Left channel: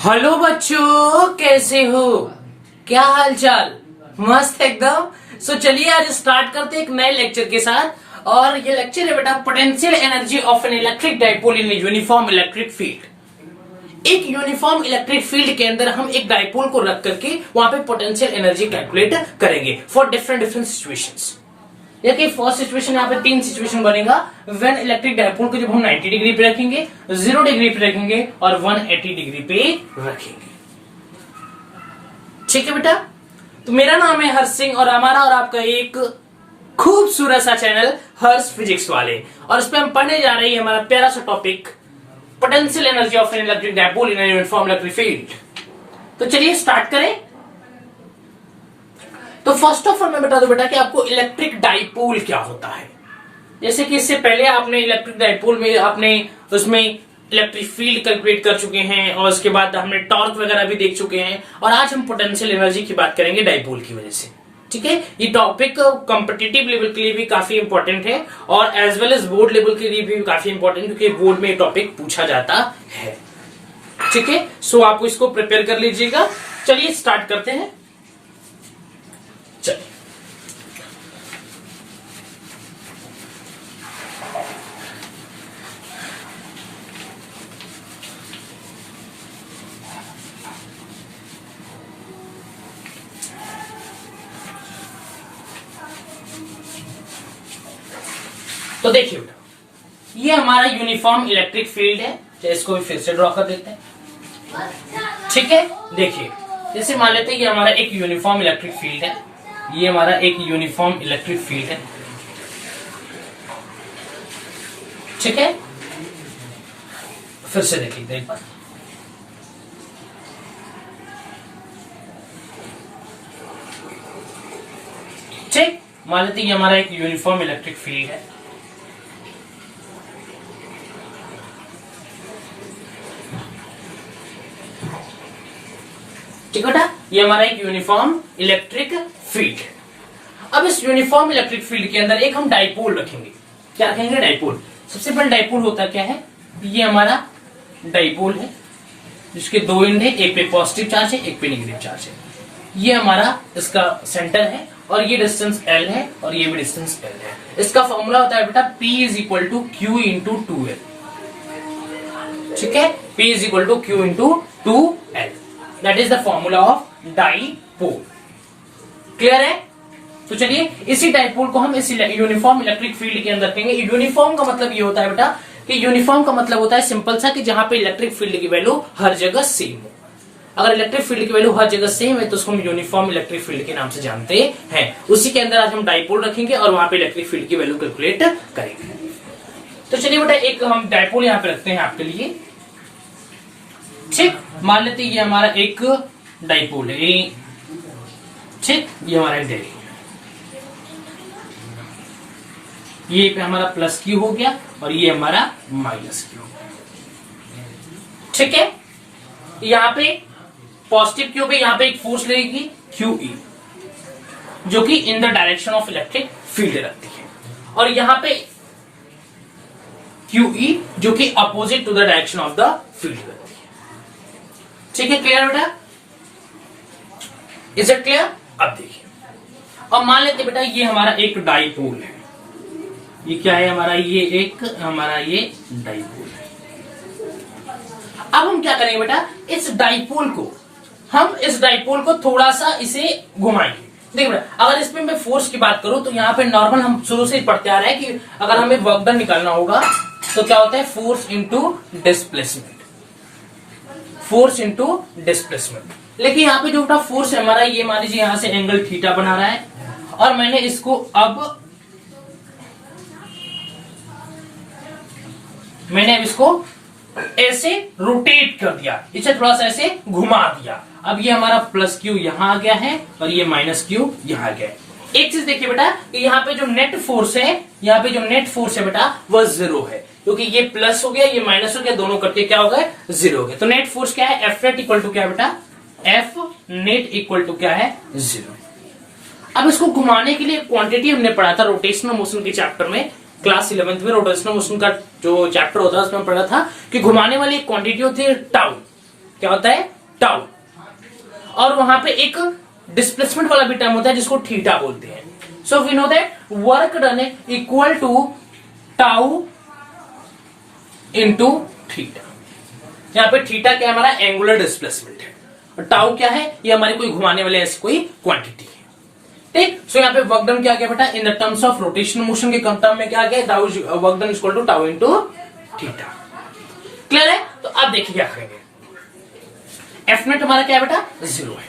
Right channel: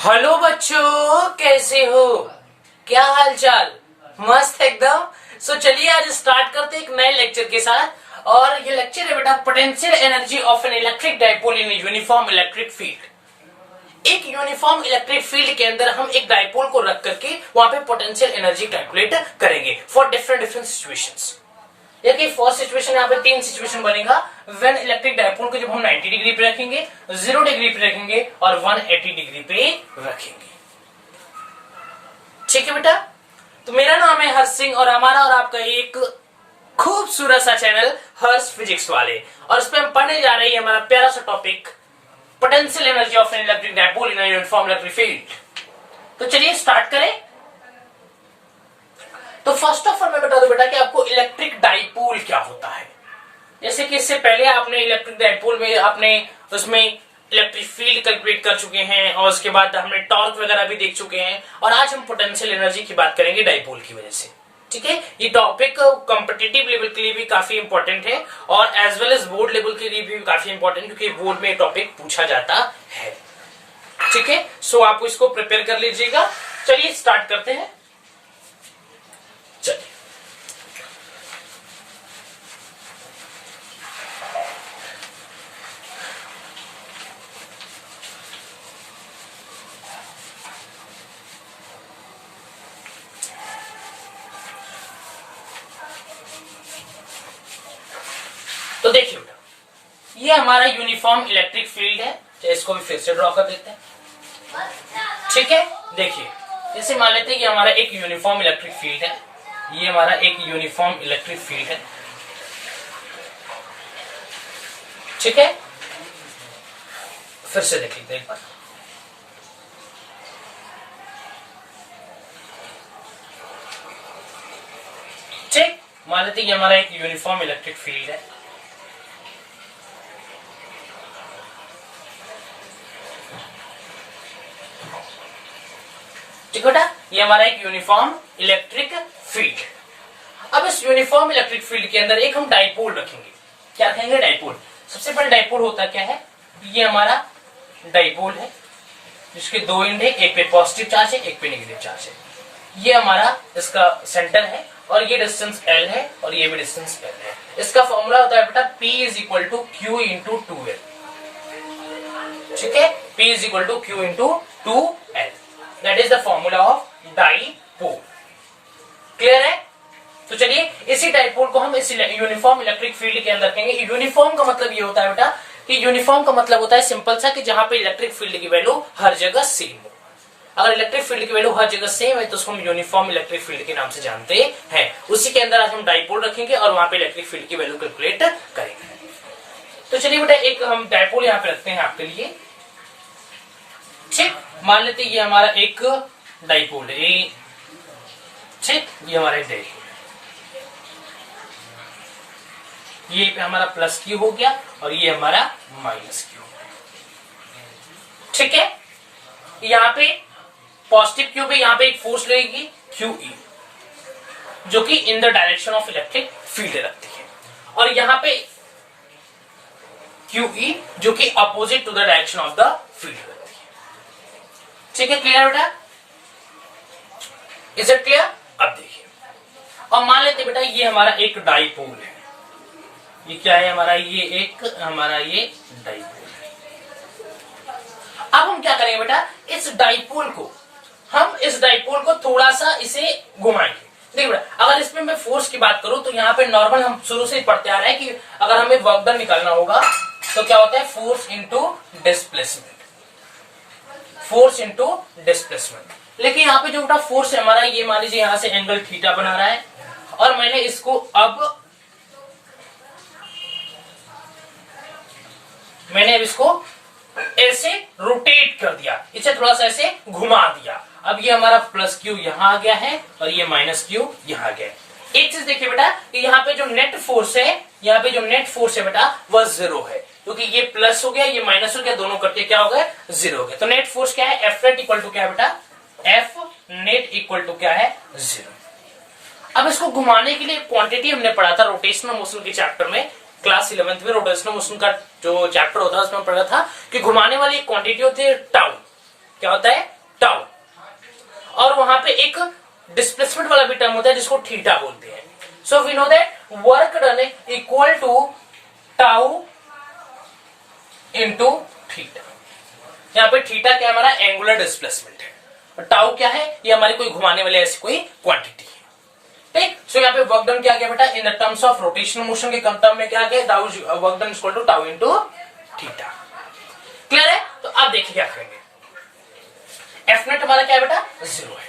Hello बच्चों, कैसे हो? क्या हाल चाल? मस्त एकदम। चलिए आज स्टार्ट करते हैं एक नए लेक्चर के साथ। और ये लेक्चर है बेटा potential energy of an electric dipole in uniform electric field. एक यूनिफॉर्म इलेक्ट्रिक फील्ड के अंदर हम एक डाइपोल को रख करके वहां पे पोटेंशियल एनर्जी कैलकुलेट करेंगे फॉर डिफरेंट डिफरेंट सिचुएशंस। देखिए फर्स्ट सिचुएशन यहाँ पे तीन सिचुएशन बनेगा। व्हेन इलेक्ट्रिक डाइपोल को जब हम 90 डिग्री पे रखेंगे, 0 डिग्री पे रखेंगे और 180 डिग्री पे रखेंगे। ठीक है बेटा, तो मेरा नाम है हर्ष सिंह और हमारा और आपका एक खूबसूरत सा चैनल हर्ष फिजिक्स वाले, और इस पे हम पढ़ने जा रहे हैं हमारा प्यारा सा topic potential energy of an electric dipole in uniform electric field. तो चलिए स्टार्ट करें। तो फर्स्ट ऑफ ऑल मैं बता दूं बेटा कि आपको इलेक्ट्रिक डाइपोल क्या होता है। जैसे कि इससे पहले आपने इलेक्ट्रिक डाइपोल में आपने उसमें इलेक्ट्रिक फील्ड कैलकुलेट कर चुके हैं और उसके बाद हमने टॉर्क वगैरह भी देख चुके हैं, और आज हम पोटेंशियल एनर्जी की बात करेंगे डाइपोल की वजह से। ठीक है, ये टॉपिक कॉम्पिटिटिव लेवल के लिए भी काफी इंपॉर्टेंट है और as well as board level के लिए भी काफी इंपॉर्टेंट, क्योंकि बोर्ड में टॉपिक पूछा जाता है। ठीक है, सो आप इसको प्रिपेयर कर लीजिएगा। चलिए स्टार्ट करते हैं। चलिए तो देखिए बेटा, ये हमारा यूनिफॉर्म इलेक्ट्रिक फील्ड है। तो इसको भी फिर से ड्रॉ कर देते हैं। ठीक है, देखिए जैसे मान लेते हैं कि हमारा एक यूनिफॉर्म इलेक्ट्रिक फील्ड है। ये हमारा एक यूनिफॉर्म इलेक्ट्रिक फील्ड है। ठीक है, फिर से देख लीजिए एक बार। ठीक, मान लेते हैं कि हमारा एक यूनिफॉर्म इलेक्ट्रिक फील्ड है। ठीक बेटा, ये हमारा एक यूनिफॉर्म इलेक्ट्रिक फील्ड है। अब इस यूनिफॉर्म इलेक्ट्रिक फील्ड के अंदर एक हम डाइपोल रखेंगे। क्या रखेंगे? डाइपोल। सबसे पहले डाइपोल होता क्या है? ये हमारा डाइपोल है जिसके दो एंड है, एक पे पॉजिटिव चार्ज है, एक पे नेगेटिव चार्ज है। ये हमारा इसका सेंटर है और ये डिस्टेंस L है और ये भी डिस्टेंस L है। इसका फॉर्मूला होता है बेटा P is equal to Q into 2L। ठीक है, P is equal to Q into 2L। That is the formula of dipole. Clear है? तो चलिए इसी डाइपोल को हम इस यूनिफॉर्म इलेक्ट्रिक फील्ड के अंदर रखेंगे। यूनिफॉर्म का मतलब ये होता है बेटा कि यूनिफॉर्म का मतलब होता है सिंपल सा कि जहां पे इलेक्ट्रिक फील्ड की वैल्यू हर जगह सेम हो। अगर इलेक्ट्रिक फील्ड की वैल्यू हर जगह सेम है तो उसको हम यूनिफॉर्म इलेक्ट्रिक फील्ड के नाम से जानते हैं। उसी के अंदर आज हम डाइपोल रखेंगे और वहां पे इलेक्ट्रिक फील्ड की वैल्यू कैलकुलेट करेंगे। तो चलिए बेटा एक हम डाइपोल यहां पे रखते हैं आपके लिए। ठीक, मान लेते हैं ये हमारा एक डाइपोल है। ठीक, ये हमारा एक डाइपोल है। ये पे हमारा प्लस क्यू हो गया और ये हमारा माइनस क्यू हो गया। ठीक है, यहां पे पॉजिटिव क्यू पे यहां पे एक फोर्स लगेगी QE, जो कि in the direction of electric field रखती है, और यहां पे QE जो कि opposite to the direction of the field रखती है। ठीक है, क्लियर बेटा? Is it clear? अब देखिए, और मान लेते बेटा ये हमारा एक डाइपोल है। ये क्या है हमारा? ये एक हमारा ये डाइपोल है। अब हम क्या करेंगे बेटा, इस डाइपोल को थोड़ा सा इसे घुमाएंगे। देखिए बेटा, अगर इसमें मैं फोर्स की बात करूं तो यहाँ पे नॉर्मल हम शुरू से पढ़ते आ रहे हैं कि अगर हमें वर्क डन निकालना होगा तो क्या होता है? Force into displacement. Force into displacement. लेकिन यहाँ पे जो बेटा फोर्स है हमारा, ये मान लीजिए यहां से एंगल थीटा बना रहा है और मैंने इसको अब ऐसे रोटेट कर दिया, इसे थोड़ा सा ऐसे घुमा दिया। अब ये हमारा प्लस क्यू यहां आ गया है और ये माइनस क्यू यहां आ गया है। एक चीज देखिए बेटा कि यहाँ पे जो नेट फोर्स है बेटा वह 0 है, क्योंकि ये प्लस हो गया ये माइनस हो गया, दोनों करके क्या हो गया? 0 हो गया। तो नेट फोर्स क्या है? F नेट इक्वल टू क्या है बेटा? F नेट इक्वल टू क्या है? 0। अब इसको घुमाने के लिए क्वांटिटी हमने पढ़ा था रोटेशनल मोशन के चैप्टर में, क्लास 11th में रोटेशनल मोशन का जो चैप्टर होता है उसमें पढ़ा था कि घुमाने वाली एक क्वांटिटी होती है टाउ। क्या होता है, टाउ। और वहां पे एक डिस्प्लेसमेंट वाला भी टर्म होता है जिसको थीटा बोलते हैं। So we know that work done equal to tau into theta. यहां पे थीटा क्या है, हमारा एंगुलर डिस्प्लेसमेंट है, और टाउ क्या है, ये हमारी कोई घुमाने वाले ऐसी कोई क्वांटिटी है। ठीक, सो यहाँ पे वर्क डन क्या गया बेटा, in the terms of rotational motion के टर्म में क्या गया, work done equal to tau into theta. Clear है? तो अब देखिए क्या करेंगे, एफ नेट हमारा क्या है बेटा, 0 है।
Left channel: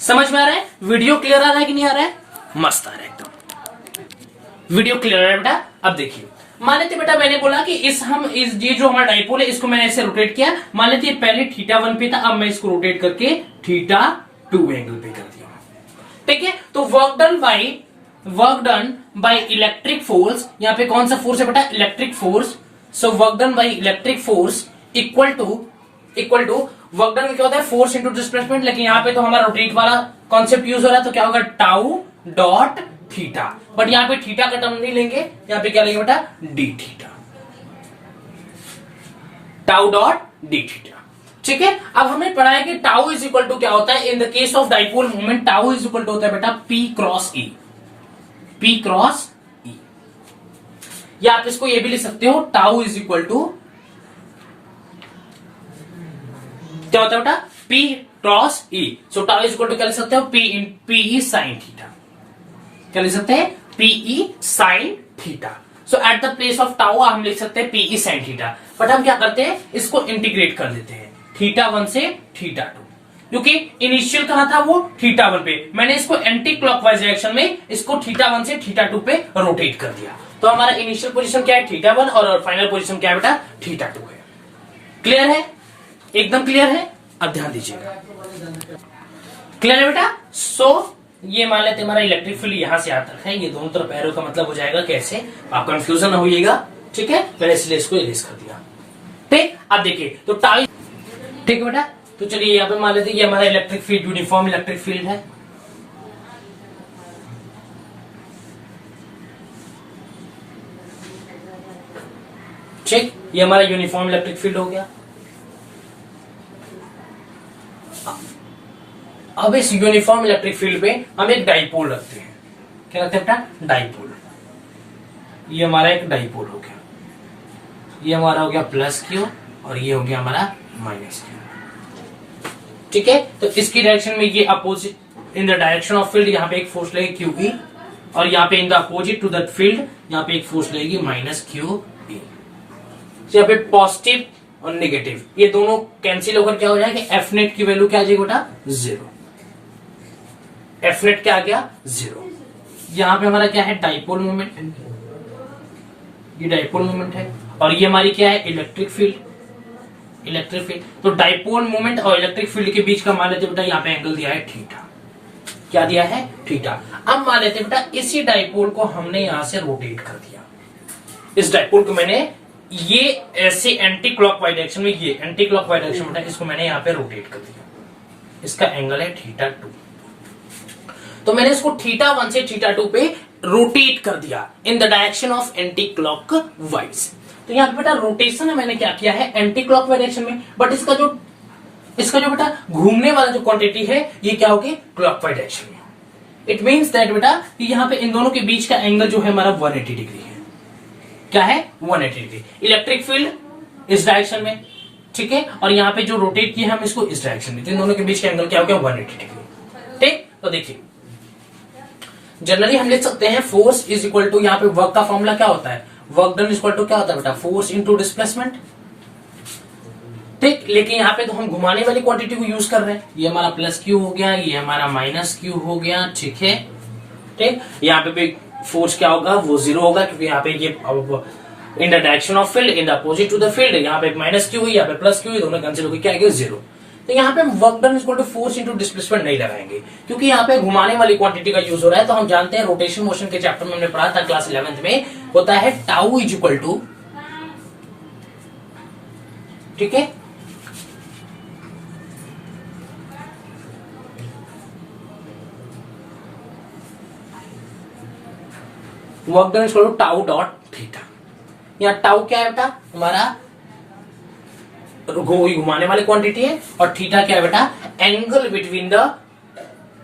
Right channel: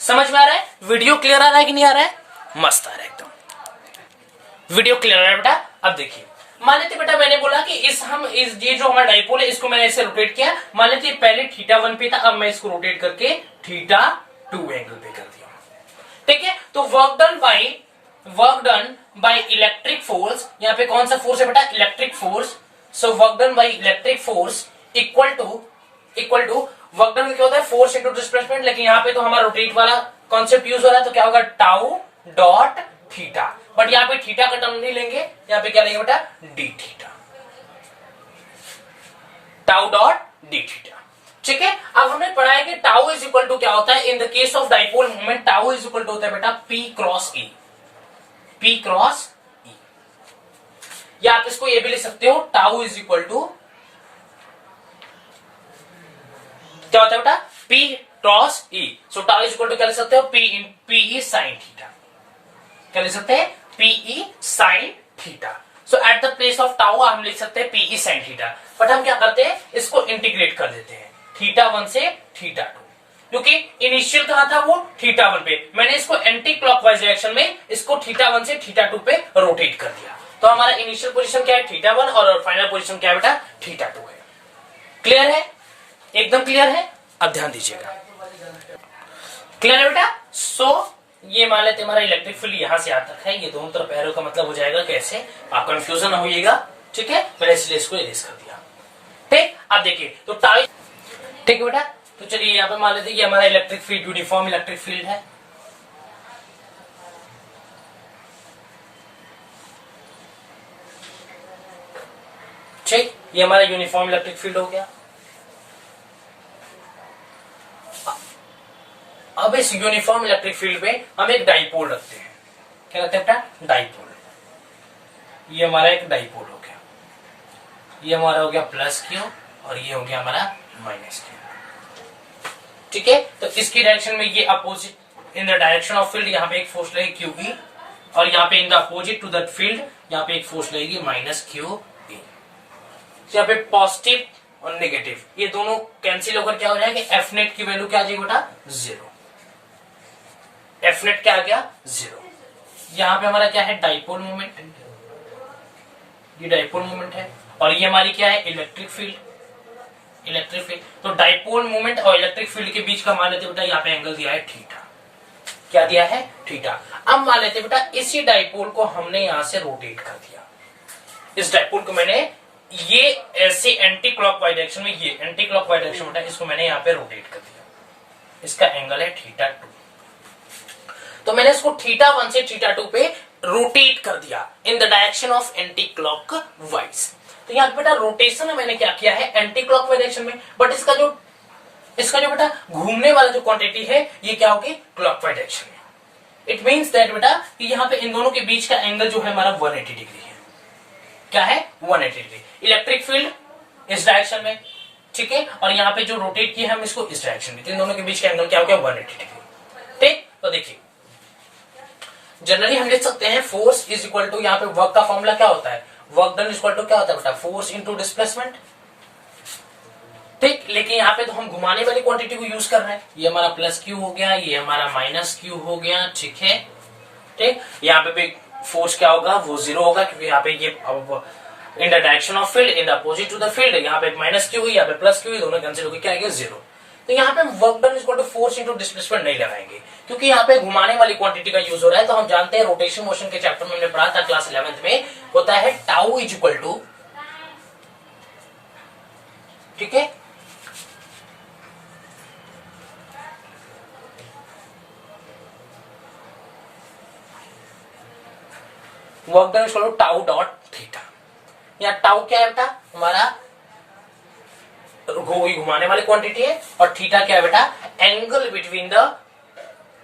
समझ में आ रहा है? वीडियो क्लियर आ रहा है कि नहीं आ रहा है? मस्त आ रहा है एकदम, वीडियो क्लियर आ रहा है बेटा। अब देखिए, मान लेते बेटा मैंने बोला कि ये जो हमारा डाइपोल है इसको मैंने ऐसे रोटेट किया। मान लेते पहले θ1 पे था, अब मैं इसको रोटेट करके θ2 एंगल पे कर दिया। ठीक है, तो work done by electric force, यहां पे कौन सा फोर्स है बेटा, electric force. So work done by electric force equal to work done क्या होता है, फोर्स इंटू डिस्प्लेसमेंट, लेकिन यहां पे तो हमारा रोटेट वाला कॉन्सेप्ट यूज हो रहा है, तो क्या होगा, टाउ डॉट थीटा। बट यहां पे थीटा का टर्म नहीं लेंगे, यहां पे क्या लेंगे बेटा, D theta, tau dot d theta. ठीक है, अब हमने पढ़ा है कि टाउ इज इक्वल टू क्या होता है, in the case of dipole moment tau is equal to होता है बेटा P cross E, P cross E. या आप इसको ये भी लिख सकते हो, टाउ इज इक्वल टू क्या होता है बेटा, P cross E. So tau is equal to क्या लिख सकते हो, पीई साइन थीटा। क्या लिख सकते हैं, P E sine theta. So at the place of tau हम लिख सकते हैं पीई साइन थीटा, बट हम क्या करते हैं, इसको इंटीग्रेट कर देते हैं θ1 से θ2, क्योंकि इनिशियल कहां था वो θ1 पे, मैंने इसको एंटी क्लॉकवाइज डायरेक्शन में इसको θ1 से θ2 पे रोटेट कर दिया। तो हमारा इनिशियल पोजीशन क्या है, θ1, और फाइनल पोजीशन क्या है बेटा, θ2 है। क्लियर है? एकदम क्लियर है? अब ध्यान दीजिएगा, क्लियर है बेटा? सो ये मान लेते हमारा इलेक्ट्रिक फील्ड यहां से यहां तक है, ये दोनों तरफ एरो का मतलब हो जाएगा कैसे, आप कंफ्यूजन ना होइएगा। ठीक है, मैंने इसलिए इसको इरेज कर दिया। ठीक, अब देखिए तो टाउ, ठीक है बेटा, तो चलिए यहां पे मान लेते कि हमारा electric field uniform electric field है। ठीक, ये हमारा यूनिफॉर्म इलेक्ट्रिक फील्ड हो गया। अब इस यूनिफॉर्म इलेक्ट्रिक फील्ड पे हम एक डाइपोल रखते हैं। क्या रखते हैं बेटा, डाइपोल। ये हमारा एक डाइपोल हो गया, ये हमारा हो गया प्लस क्यू, और ये हो गया हमारा माइनस क्यू। ठीक है, तो इसकी डायरेक्शन में ये opposite, in the direction of field यहाँ पे एक फोर्स लगेगी क्यू ई, और यहाँ पे in the opposite to that field यहाँ पे एक फोर्स लगेगी माइनस क्यू ई। यहाँ पे पॉजिटिव और नेगेटिव ये दोनों कैंसिल होकर क्या हो जाएगा, एफ नेट की वैल्यू क्या आ जाएगी बेटा, 0। एफ नेट क्या आ गया, 0। यहाँ पे हमारा क्या है, डाइपोल मोमेंट, ये डाइपोल मोमेंट है, और ये हमारी क्या है, इलेक्ट्रिक फील्ड। तो डाइपोल मोमेंट और इलेक्ट्रिक फील्ड के बीच का मान लेते बेटा, यहाँ पे एंगल दिया है थीटा। क्या दिया है, थीटा। अब मान लेते बेटा इसी डाइपोल को हमने यहां से रोटेट कर दिया, इस डाइपोल को मैंने ये ऐसे एंटी क्लॉकवाइज डायरेक्शन में, ये एंटी क्लॉकवाइज डायरेक्शन में, इसको मैंने यहाँ पे रोटेट कर दिया, इसका एंगल है θ2। तो मैंने इसको θ1 से θ2 पे रोटेट कर दिया इन the direction of anti clockwise. तो यहाँ पे बेटा रोटेशन मैंने क्या किया है, एंटी क्लॉकवाइज डायरेक्शन में, बट इसका जो बेटा घूमने वाला जो क्वांटिटी है ये क्या होगी, क्लॉकवाइज डायरेक्शन में। इट मींस दैट बेटा कि यहाँ पे इन दोनों के बीच का एंगल जो है हमारा 180 डिग्री है। क्या है, 180 डिग्री। इलेक्ट्रिक फील्ड इस डायरेक्शन में, ठीक है, और यहाँ पे जो रोटेट किया है हम इसको इस डायरेक्शन में, तो इन दोनों के बीच का एंगल क्या हो गया, 180 डिग्री। ठीक, तो देखिए जनरली हम लिख सकते हैं फोर्स इज इक्वल टू, यहाँ पे वर्क का फॉर्मूला क्या होता है, वर्क डन इक्वल टू क्या होता है बेटा, फोर्स इंटू डिस्प्लेसमेंट। ठीक, लेकिन यहाँ पे तो हम घुमाने वाली क्वांटिटी को यूज कर रहे हैं, ये हमारा प्लस क्यू हो गया, ये हमारा माइनस क्यू हो गया। ठीक है, ठीक, यहाँ पे भी फोर्स क्या होगा, वो 0 होगा, क्योंकि यहाँ पे ये in the direction of field, in the opposite to the field, यहाँ पे माइनस क्यू हुई, यहाँ पे प्लस क्यू हुई, दोनों कैंसिल होगी, क्या आएगा, 0। तो यहाँ पे work done equal to force into displacement नहीं लगाएंगे, क्योंकि यहाँ पे घुमाने वाली क्वांटिटी का यूज हो रहा है। तो हम जानते हैं रोटेशन मोशन के चैप्टर में हमने पढ़ा था क्लास 11th में, होता है टाउ इज इक्वल टू, ठीक है, work done equal to tau dot theta. यहाँ टाउ क्या है बेटा, हमारा घुमाने वाली क्वांटिटी है, और थीटा क्या है बेटा, angle between the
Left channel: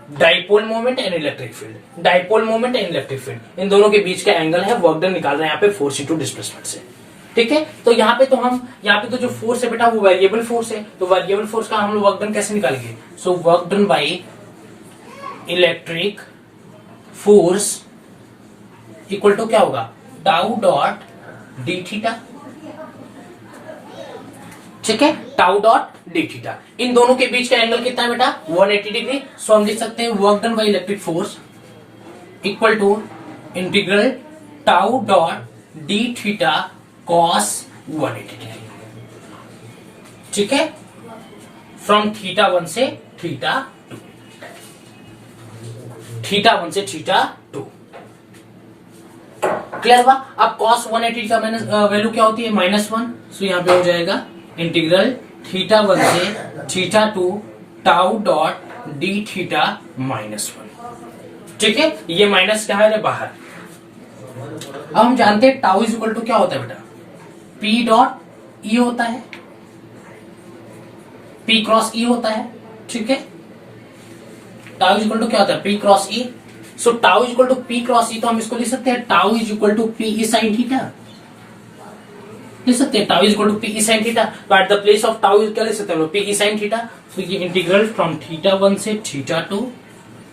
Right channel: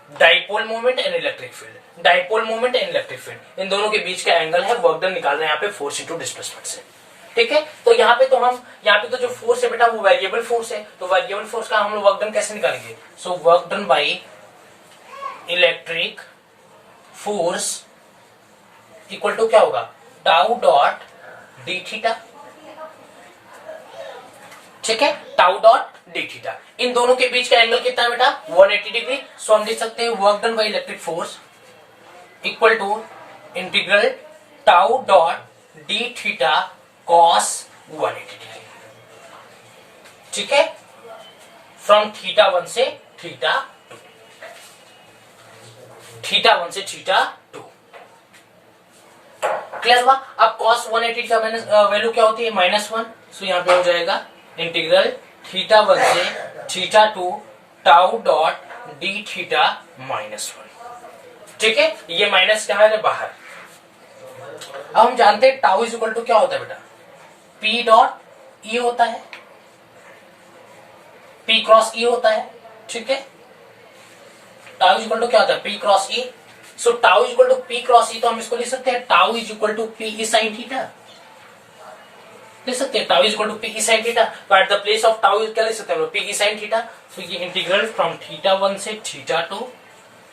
dipole moment and electric field. Dipole moment and electric field, इन दोनों के बीच का एंगल है, वर्क डन निकाल रहे हैं यहाँ पे फोर्स इंटू डिस्प्लेसमेंट से। ठीक है, तो यहाँ पे तो जो फोर्स है बेटा वो वेरिएबल फोर्स है, तो वेरिएबल फोर्स का हम लोग वर्क डन कैसे निकालेंगे, so work done by electric force equal to क्या होगा, टाउ डॉट डी थीटा। ठीक है, टाउ डॉट डी थीटा, इन दोनों के बीच का एंगल कितना है बेटा, 180 डिग्री। सो हम लिख सकते हैं work done by electric force equal to integral tau dot d theta cos 180 degree. ठीक है, फ्रॉम थीटा 1 से थीटा 2, थीटा 1 से थीटा 2। क्लियर हुआ। अब cos 180 का वैल्यू क्या होती है, -1। सो यहां पे हो जाएगा इंटीग्रल थीटा 1 से theta 2 tau dot d theta -1। ठीक है, ये माइनस क्या है बाहर। अब हम जानते हैं टाउ इज इक्वल टू क्या होता है बेटा, P डॉट E होता है, P क्रॉस E होता है। ठीक है, टाउ इज इक्वल टू क्या होता है, P cross E। So tau is equal to P cross E, तो हम इसको लिख सकते हैं tau is equal to P E sine theta, लिख सकते हैं tau is equal to P E sine theta. तो at the place of tau क्या लिख सकते हैं हम लोग, P E साइन थीटा। तो ये इंटीग्रल फ्रॉम थीटा 1 से theta 2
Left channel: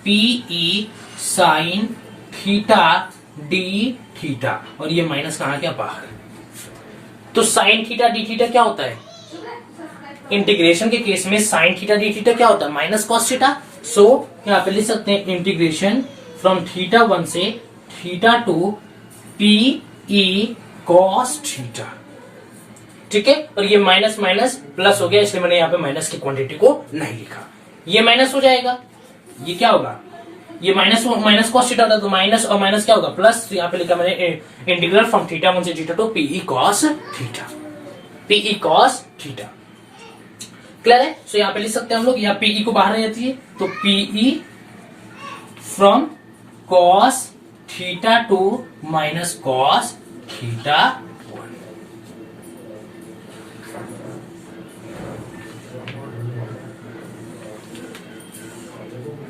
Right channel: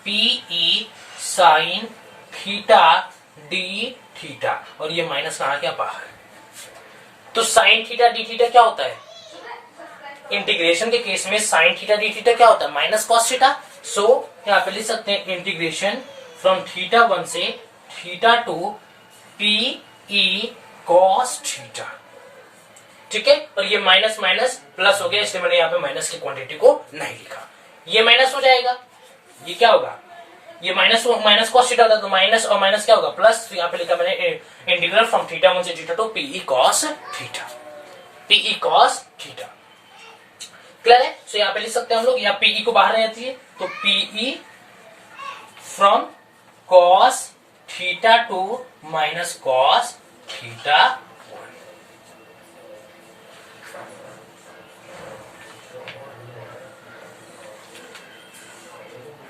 P E sine theta D theta, और ये माइनस कहां गया बाहर। तो साइन थीटा डी थीटा क्या होता है, इंटीग्रेशन के केस में साइन थीटा डी थीटा क्या होता है, माइनस कॉस थीटा। सो यहां पे लिख सकते हैं इंटीग्रेशन फ्रॉम थीटा 1 से theta 2 P E cos theta. ठीक है, और ये माइनस माइनस प्लस हो गया, इसलिए मैंने यहाँ पे माइनस की क्वांटिटी को नहीं लिखा। ये माइनस हो जाएगा, ये क्या होगा, ये माइनस कॉस थीटा होता है, तो माइनस और माइनस क्या होगा प्लस। तो यहाँ पे लिखा मैंने इंटीग्रल फ्रॉम थीटा 1 से theta 2 P E cos theta, P E cos theta. Clear है। सो यहाँ पे लिख सकते हैं हम लोग, यहाँ पीई को बाहर नहीं आती है, तो PE from cos theta 2 minus cos theta 1।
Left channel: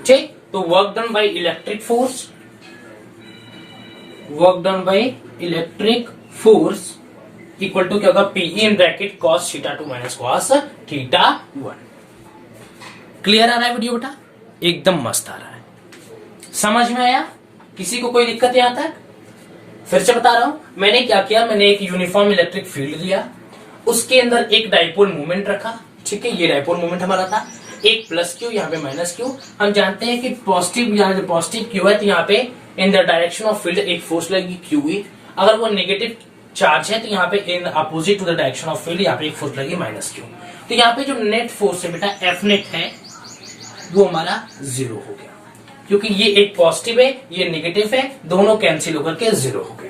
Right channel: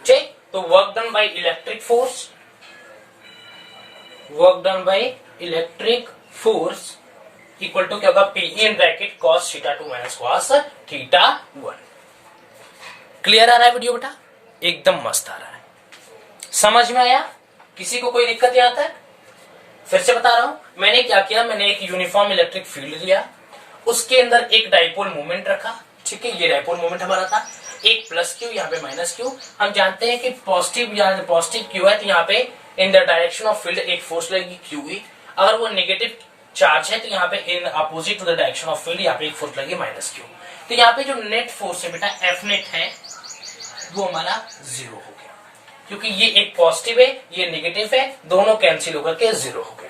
ठीक, तो work done by electric force, work done by electric force equal to क्या होगा, PE in bracket cos theta 2 minus cos theta 1। Clear आ रहा है वीडियो बेटा, एकदम मस्त आ रहा है, समझ में आया, किसी को कोई दिक्कत यहाँ तक। फिर से बता रहा हूं, मैंने क्या किया, मैंने एक यूनिफॉर्म इलेक्ट्रिक फील्ड लिया, उसके अंदर एक डाइपोल मोमेंट रखा। ठीक है, ये डाइपोल मोमेंट हमारा था, एक प्लस क्यू, यहाँ पे माइनस क्यू। हम जानते हैं कि पॉजिटिव क्यू है, तो यहाँ पे in the direction of field एक फोर्स लगेगी QE। अगर वो नेगेटिव चार्ज है तो यहाँ पे in opposite to the direction of field यहाँ पे एक फोर्स लगेगी -Q। तो यहाँ पे जो नेट फोर्स है बेटा F नेट है, वो हमारा 0 हो गया, क्योंकि ये एक पॉजिटिव है, ये नेगेटिव है, दोनों कैंसिल होकर के 0 हो गए,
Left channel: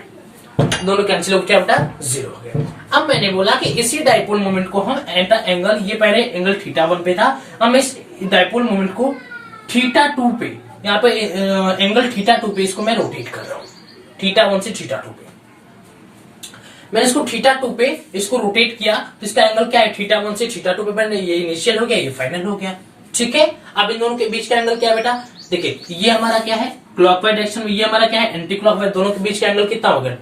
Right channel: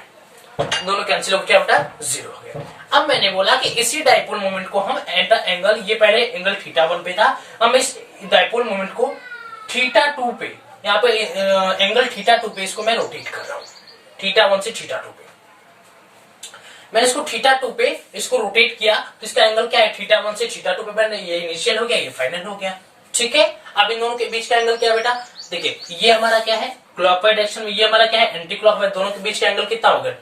दोनों कैंसिल होकर क्या बेटा 0 हो गया। अब मैंने बोला कि इसी डाइपोल मोमेंट को हम एंगल, ये पहले एंगल थीटा 1 पे था, हम इस डाइपोल मोमेंट को थीटा 2 पे, यहाँ पे एंगल थीटा 2 पे इसको मैं रोटेट कर रहा हूँ, थीटा 1 से थीटा 2 पे। मैंने इसको थीटा 2 पे इसको रोटेट किया, तो इसका एंगल क्या है, थीटा 1 से थीटा 2 पे। मैंने ये इनिशियल हो गया, ये फाइनल हो गया। ठीक है, अब इन दोनों के बीच का एंगल क्या है बेटा, देखिए ये हमारा क्या है क्लॉकवाइज डायरेक्शन में, ये हमारा क्या है एंटी क्लॉकवाइज, दोनों के बीच का एंगल कितना हो गया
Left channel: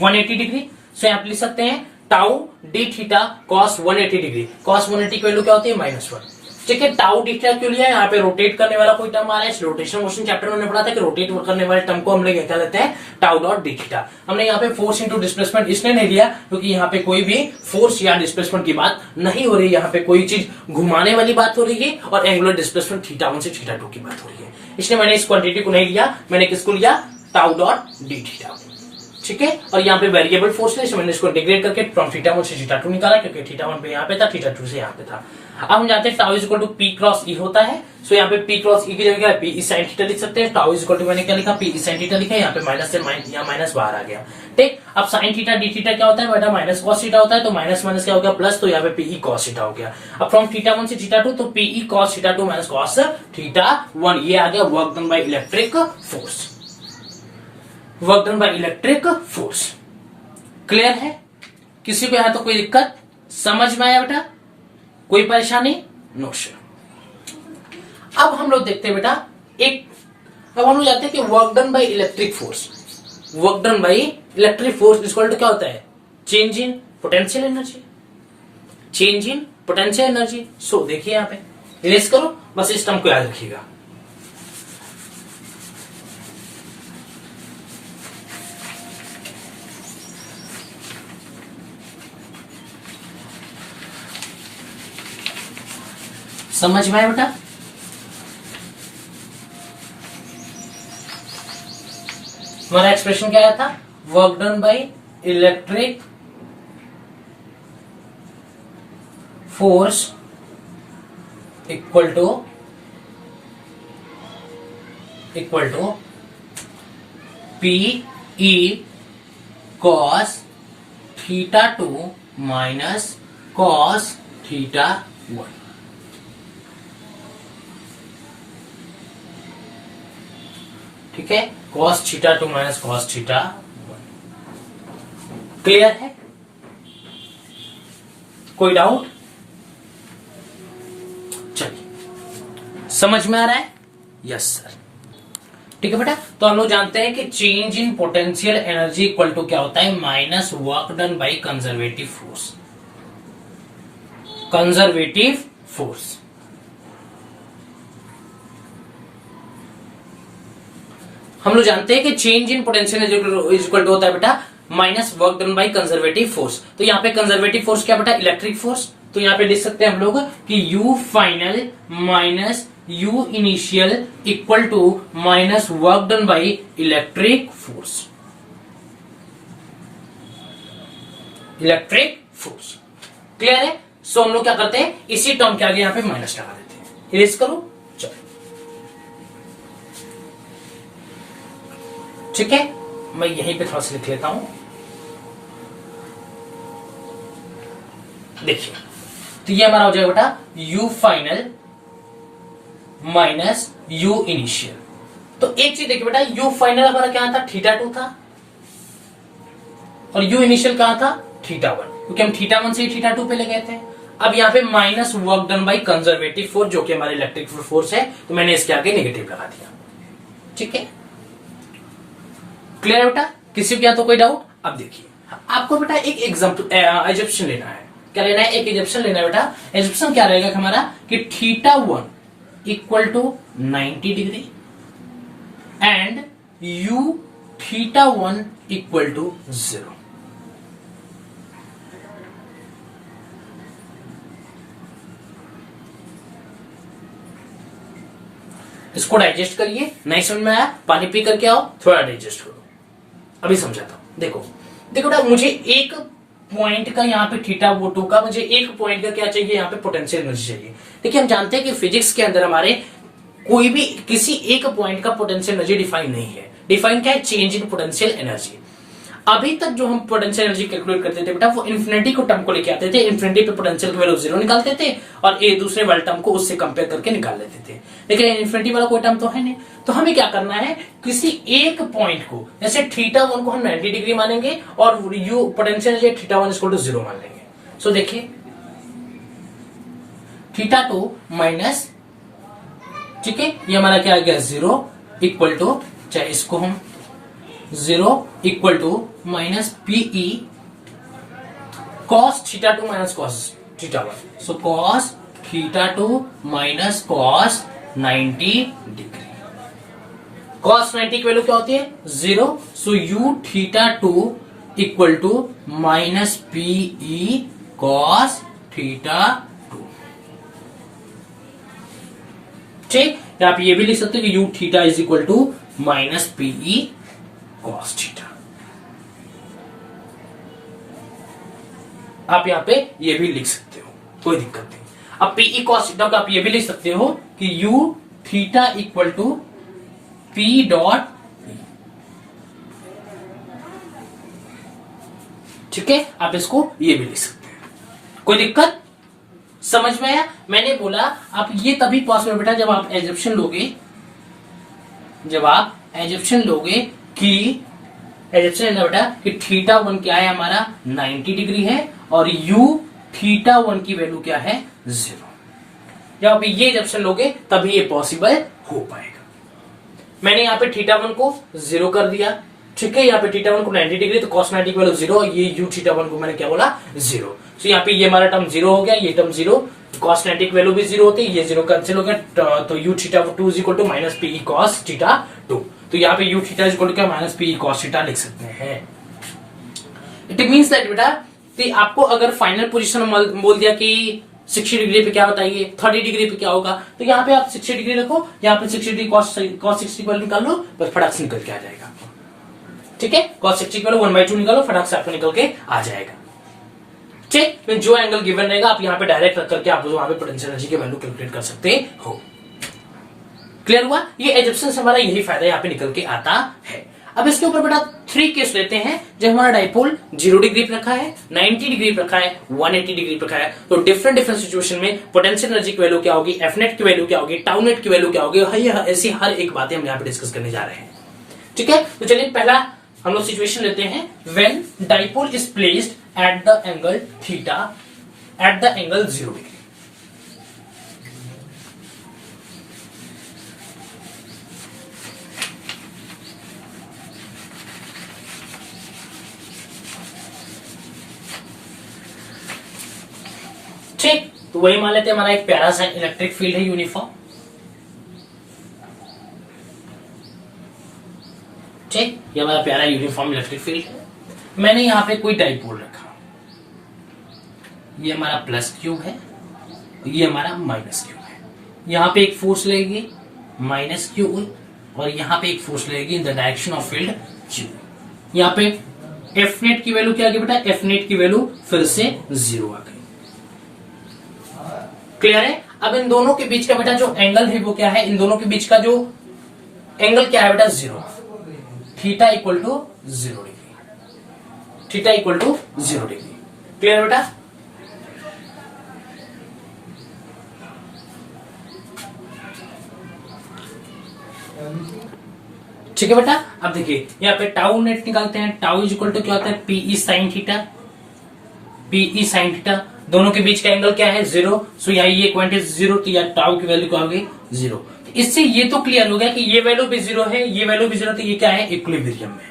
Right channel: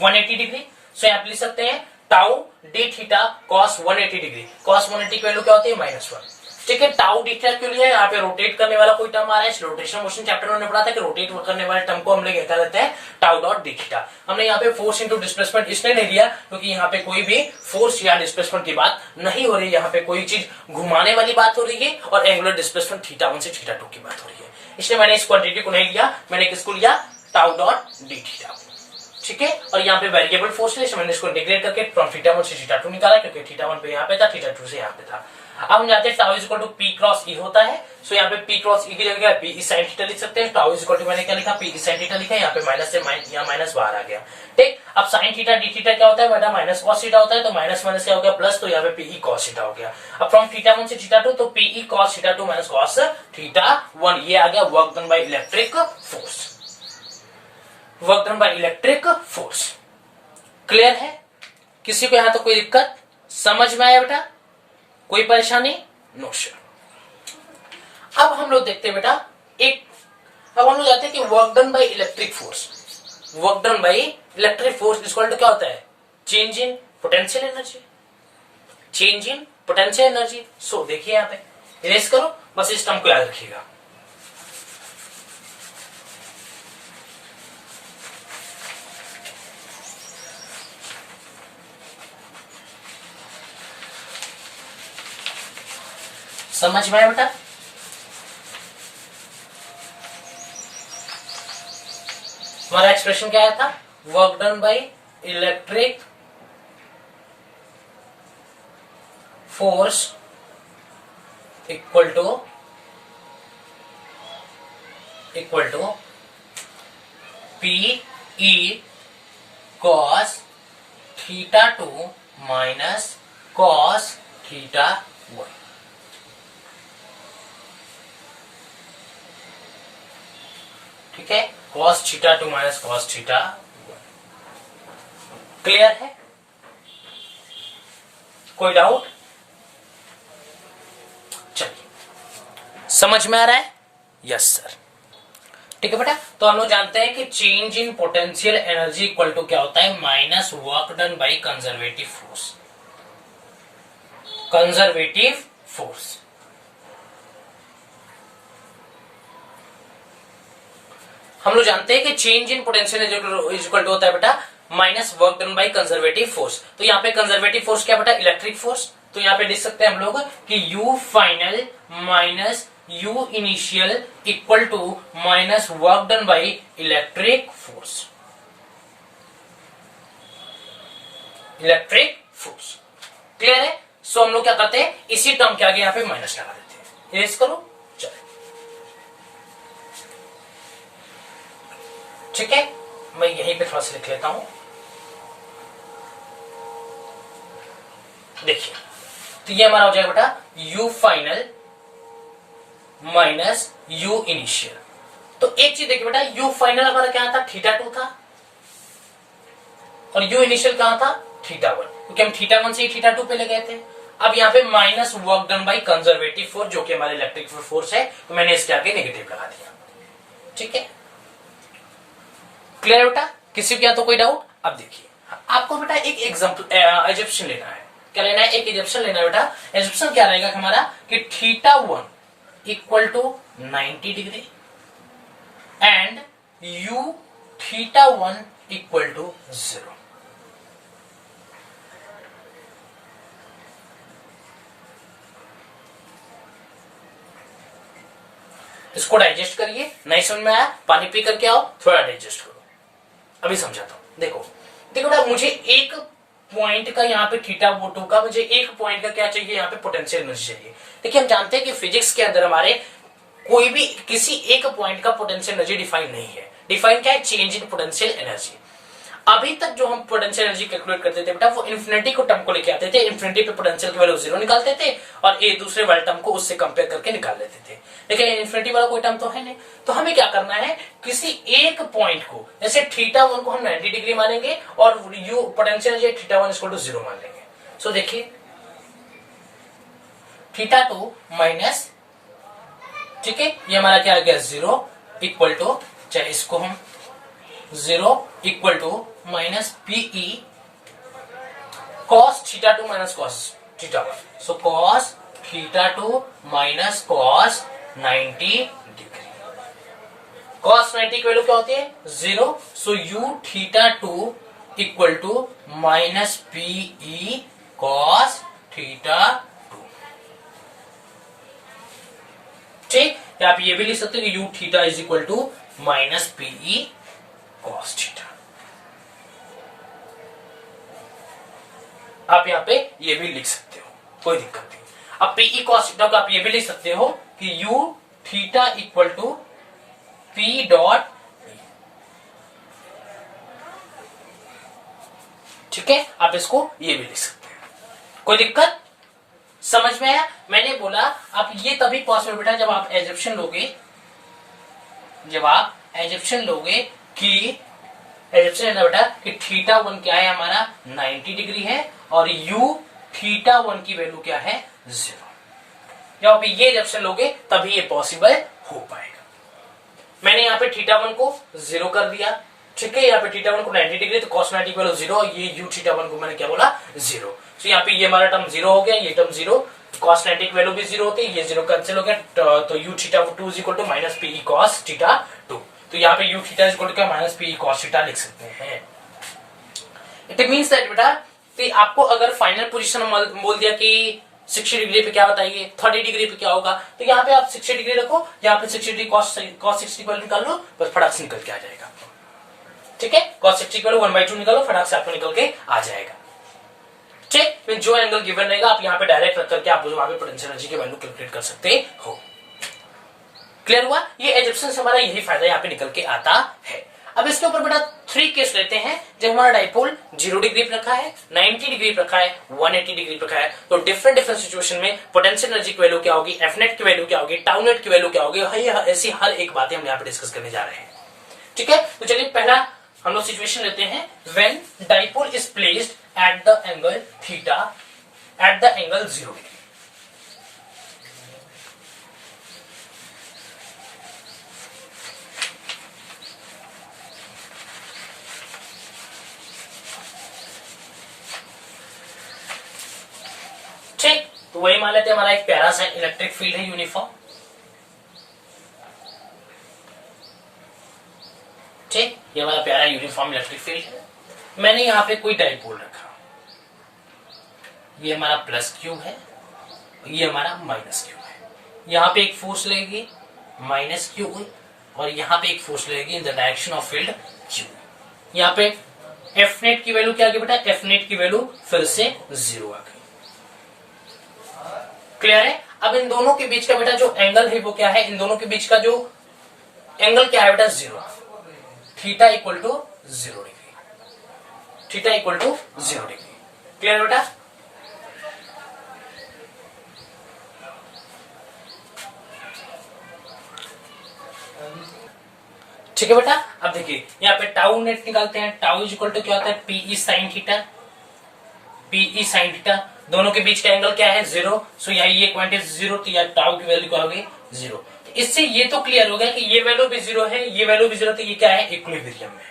180 डिग्री। सो यहाँ पे लिख सकते हैं tau D theta cos 180 degree, cos 180 की वैल्यू क्या होती है -1। ठीक है, टाउ डी थीटा क्यों लिया है, यहाँ पे रोटेट करने वाला कोई टर्म आ रहा है, रोटेशन मोशन चैप्टर में हमने पढ़ा था कि रोटेट करने वाले टर्म को हम लोग क्या लेते हैं, टाउ डॉट डी थीटा। हमने यहाँ पे फोर्स इंटू डिस्प्लेसमेंट इसलिए नहीं लिया क्योंकि यहाँ पे कोई भी फोर्स या डिस्प्लेसमेंट की बात नहीं हो रही है, यहाँ पे कोई चीज घुमाने वाली बात हो रही है और एंगुलर डिस्प्लेसमेंट थीटा 1 से थीटा 2 की बात हो रही है, इसलिए मैंने इस क्वांटिटी को नहीं लिया, मैंने किसको लिया, टाउ डॉट डी थीटा। ठीक है, और यहाँ पे वेरिएबल फोर्स है, मैंने इसको इंटीग्रेट करके फ्रॉम थीटा 1 से थीटा 2 निकाला, क्योंकि थीटा 1 पे यहाँ पे था, थीटा 2 से यहाँ पे था। अब हम जानते हैं tau is equal to P cross E होता है। सो यहाँ पे पी क्रॉस ई की जगह पी ई साइन थीटा लिख सकते हैं, टाउ इज इक्वल टू मैंने क्या लिखा, पी ई साइन थीटा लिखा, यहाँ पे माइनस से यहाँ माइनस बाहर आ गया। ठीक, अब साइन थीटा डी थीटा क्या होता है बेटा, माइनस कॉस थीटा होता है, तो माइनस माइनस क्या हो गया प्लस, तो यहाँ पे पीई कॉस थीटा हो गया। अब फ्रॉम थीटा 1 से थीटा 2 तो P E cos theta 2 minus cos theta 1, ये आ गया work done by electric force, work done by electric force. Clear है, किसी को यहां तो कोई दिक्कत, समझ में आया बेटा, कोई परेशानी? No sir. अब हम लोग देखते हैं बेटा अब हम लोग जाते हैं कि work done by electric force. Work done by electric force equal to क्या होता है? Change in potential energy. Change in potential energy. So देखिए यहां पे इरेज करो, बस इस टर्म को याद रखिएगा। समझ में आया बेटा? हमारा एक्सप्रेशन क्या आया था? Work done by electric force equal to P E cos theta 2 minus cos theta 1। ठीक है, cos theta 2 minus cos theta 1। Clear है? कोई डाउट? चलिए, समझ में आ रहा है? Yes sir. ठीक है बेटा, तो हम लोग जानते हैं कि change in potential energy equal to क्या होता है? Minus work done by conservative force. Conservative force. हम लोग जानते हैं कि change in potential energy equal to होता है बेटा minus work done by conservative force. तो यहाँ पे कंजर्वेटिव फोर्स क्या बेटा? Electric force. तो यहाँ पे लिख सकते हैं हम लोग कि U final minus U initial equal to minus work done by electric force. Electric force. Clear है? सो हम लोग क्या करते हैं? इसी टर्म के आगे यहाँ पे माइनस लगा देते हैं। इरेज करो। चलो, ठीक है, मैं यहीं पे थोड़ा सा लिख लेता हूं। देखिए, तो ये हमारा हो जाएगा बेटा u final minus u initial. तो एक चीज देखिए बेटा, u फाइनल हमारा क्या था? थीटा 2 था, और u इनिशियल कहां था? थीटा 1, क्योंकि हम थीटा 1 से ही थीटा 2 पे ले गए थे। अब यहाँ पे minus work done by conservative force, जो कि हमारा इलेक्ट्रिक फोर्स है, तो मैंने इसके आगे नेगेटिव लगा दिया। ठीक है, क्लियर बेटा? किसी को या तो कोई डाउट? अब देखिए, आपको बेटा एक एग्जांपल एजप्शन लेना है। क्या लेना है? एक एजप्शन लेना है बेटा। एजप्शन क्या रहेगा हमारा कि theta 1 equal to 90 degree and U theta 1 equal to 0। इसको डाइजेस्ट करिए। नहीं समझ में आया? पानी पी करके आओ, थोड़ा डाइजेस्ट करो। अभी समझाता हूं। देखो बेटा, मुझे एक पॉइंट का यहाँ पे थीटा 2 का, मुझे एक पॉइंट का क्या चाहिए? यहाँ पे पोटेंशियल एनर्जी चाहिए। देखिए, हम जानते हैं कि फिजिक्स के अंदर हमारे कोई भी किसी एक पॉइंट का पोटेंशियल एनर्जी डिफाइन नहीं है। डिफाइन क्या है? Change in potential energy. अभी तक जो हम पोटेंशियल एनर्जी कैलकुलेट करते थे बेटा, वो इन्फिनिटी को टर्म को लेके आते थे। इन्फिनिटी पे पोटेंशियल की वैल्यू 0 निकालते थे और एक दूसरे वाले टर्म को उससे कंपेयर करके निकाल लेते थे। लेकिन इन्फिनिटी वाला कोई टर्म तो है नहीं। तो हमें क्या करना है? किसी एक पॉइंट को, जैसे थीटा 1 को हम 90 डिग्री मानेंगे और U potential energy theta 1 equal to 0 मान लेंगे। सो देखिए, थीटा 2 माइनस, ठीक है, ये हमारा क्या आ गया? 0 इक्वल टू, चाहे इसको हम 0 equal to minus PE cos theta 2 minus cos theta 1। So cos theta 2 minus cos 90 degree. Cos 90 की वैल्यू क्या होती है? 0। So U theta 2 equal to minus PE cos theta 2। ठीक, आप ये भी लिख सकते हैं कि U theta is equal to minus PE cos theta. आप यहां पे ये भी लिख सकते हो, कोई दिक्कत नहीं। अब पीई कॉस थीटा को आप ये भी लिख सकते हो कि U theta equal to P dot, ठीक है, आप इसको ये भी लिख सकते हैं, कोई दिक्कत? समझ में आया? मैंने बोला आप ये तभी पॉसिबल बेटा जब आप एजप्शन लोगे, जब आप एजप्शन लोगे कि एजप्शन है बेटा कि थीटा 1 क्या है? हमारा 90 डिग्री है और u θ1 की वैल्यू क्या है 0। जब आप ये जब से लोगे तभी ये पॉसिबल हो पाएगा। मैंने यहाँ पे θ1 को 0 कर दिया, ठीक है। यहाँ पे θ1 को 90 डिग्री, तो cos 90 की वैल्यू 0, ये u θ1 को मैंने क्या बोला 0। तो यहाँ पे ये हमारा टर्म 0 हो गया, ये टर्म 0, cos 90 की वैल्यू भी 0 होती है, ये 0 कैंसिल हो गया, तो u θ2 is equal to minus P cos θ2। तो यहाँ पे u θ इज इक्वल टू क्या माइनस पी cos θ लिख सकते हैं। इट मीन्स दैट बेटा, तो आपको अगर फाइनल पोजीशन बोल दिया कि 60 डिग्री पे क्या बताइए, 30 डिग्री पे क्या होगा, तो यहाँ पे आप 60 डिग्री रखो, यहाँ पे 60 डिग्री cos 60 की वैल्यू निकाल लो, बस फटाक से निकल के आ जाएगा आपको, ठीक है। cos 60 की वैल्यू 1/2 निकालो, फटाक से आपको निकल के आ जाएगा, ठीक। फिर जो एंगल गिवन रहेगा आप यहाँ पे डायरेक्ट रख करके आप वहां पे पोटेंशियल एनर्जी की वैल्यू कैलकुलेट कर सकते हो। क्लियर हुआ? ये एजप्शन हमारा यही फायदा यहाँ पे निकल के आता है। अब इसके ऊपर बेटा 3 केस लेते हैं। जब हमारा डाइपोल 0 डिग्री पे रखा है, 90 डिग्री पे रखा है, 180 डिग्री पे रखा है, तो डिफरेंट सिचुएशन में पोटेंशियल एनर्जी की वैल्यू क्या होगी, एफ नेट की वैल्यू क्या होगी, टाउ नेट की वैल्यू क्या होगी, ऐसी हर एक बातें हम यहाँ पे डिस्कस करने जा रहे हैं, ठीक है। तो चलिए पहला हम लोग सिचुएशन लेते हैं, when dipole is placed at the angle theta at the angle 0 degree. ठीक, तो वही मान लेते हैं हमारा एक प्यारा सा इलेक्ट्रिक फील्ड है यूनिफॉर्म, ठीक। ये हमारा प्यारा यूनिफॉर्म इलेक्ट्रिक फील्ड है। मैंने यहां पे कोई डाइपोल रखा, ये हमारा प्लस क्यू है, ये हमारा माइनस क्यू है। यहां पे एक फोर्स लगेगी माइनस क्यू, और यहां पे एक फोर्स लगेगी इन the direction of field Q. यहां पे एफ नेट की वैल्यू क्या आ गई बेटा, एफ नेट की वैल्यू फिर से 0 आ गई। क्लियर है? अब इन दोनों के बीच का बेटा जो एंगल है वो क्या है, इन दोनों के बीच का जो एंगल क्या है बेटा 0, theta equal to 0 degree, theta equal to 0 degree. Clear बेटा? ठीक है बेटा। अब देखिए यहाँ पे टाउ नेट निकालते हैं, टाउ इज इक्वल टू क्या होता है, P E sine theta, P E sine theta. दोनों के बीच का एंगल क्या है 0, सो यहाँ ये क्वांटिटी 0, तो यहाँ टाउ की वैल्यू क्या होगी 0। इससे ये तो क्लियर हो गया कि ये वैल्यू भी 0 है, ये वैल्यू भी 0, तो ये क्या है इक्विलिब्रियम में,